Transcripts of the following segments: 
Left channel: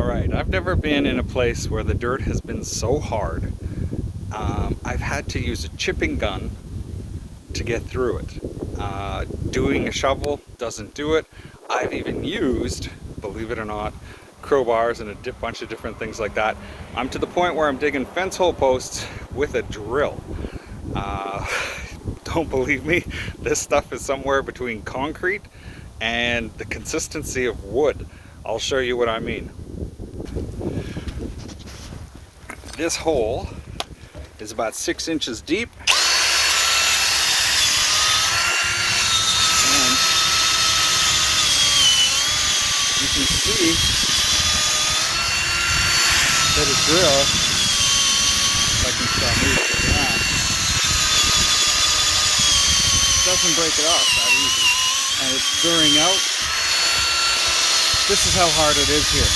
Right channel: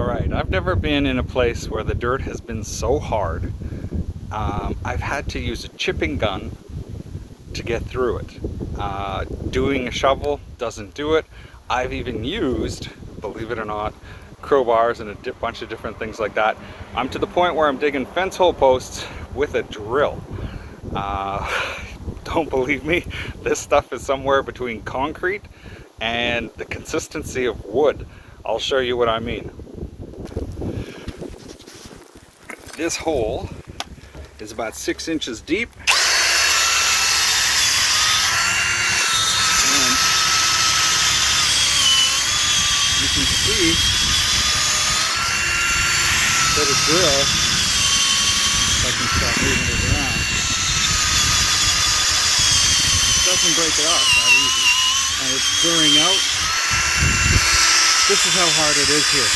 All right, I've never been in a place where the dirt has been so hard. I've had to use a chipping gun to get through it. Doing a shovel doesn't do it. I've even used, believe it or not, crowbars and a bunch of different things like that. I'm to the point where I'm digging fence hole posts with a drill. Don't believe me, this stuff is somewhere between concrete and the consistency of wood. I'll show you what I mean. This hole is about 6 inches deep, and you can see that a drill, if I can stop moving it around, doesn't break it off that easy, and it's stirring out. This is how hard it is here.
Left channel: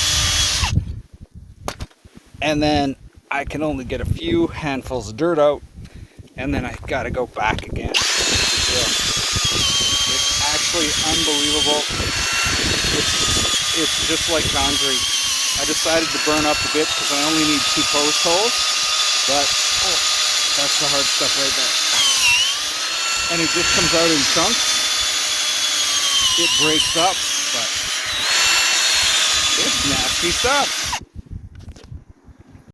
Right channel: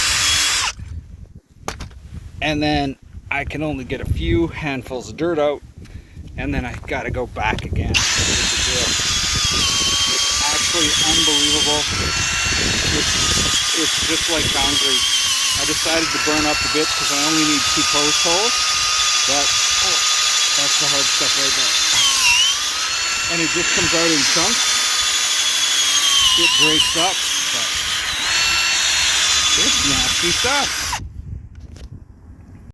And then I can only get a few handfuls of dirt out, and then I gotta go back again with the drill. It's actually unbelievable. It's just like concrete. I decided to burn up a bit because I only need 2 post holes, but oh, that's the hard stuff right there. And it just comes out in chunks. It breaks up, but it's nasty stuff.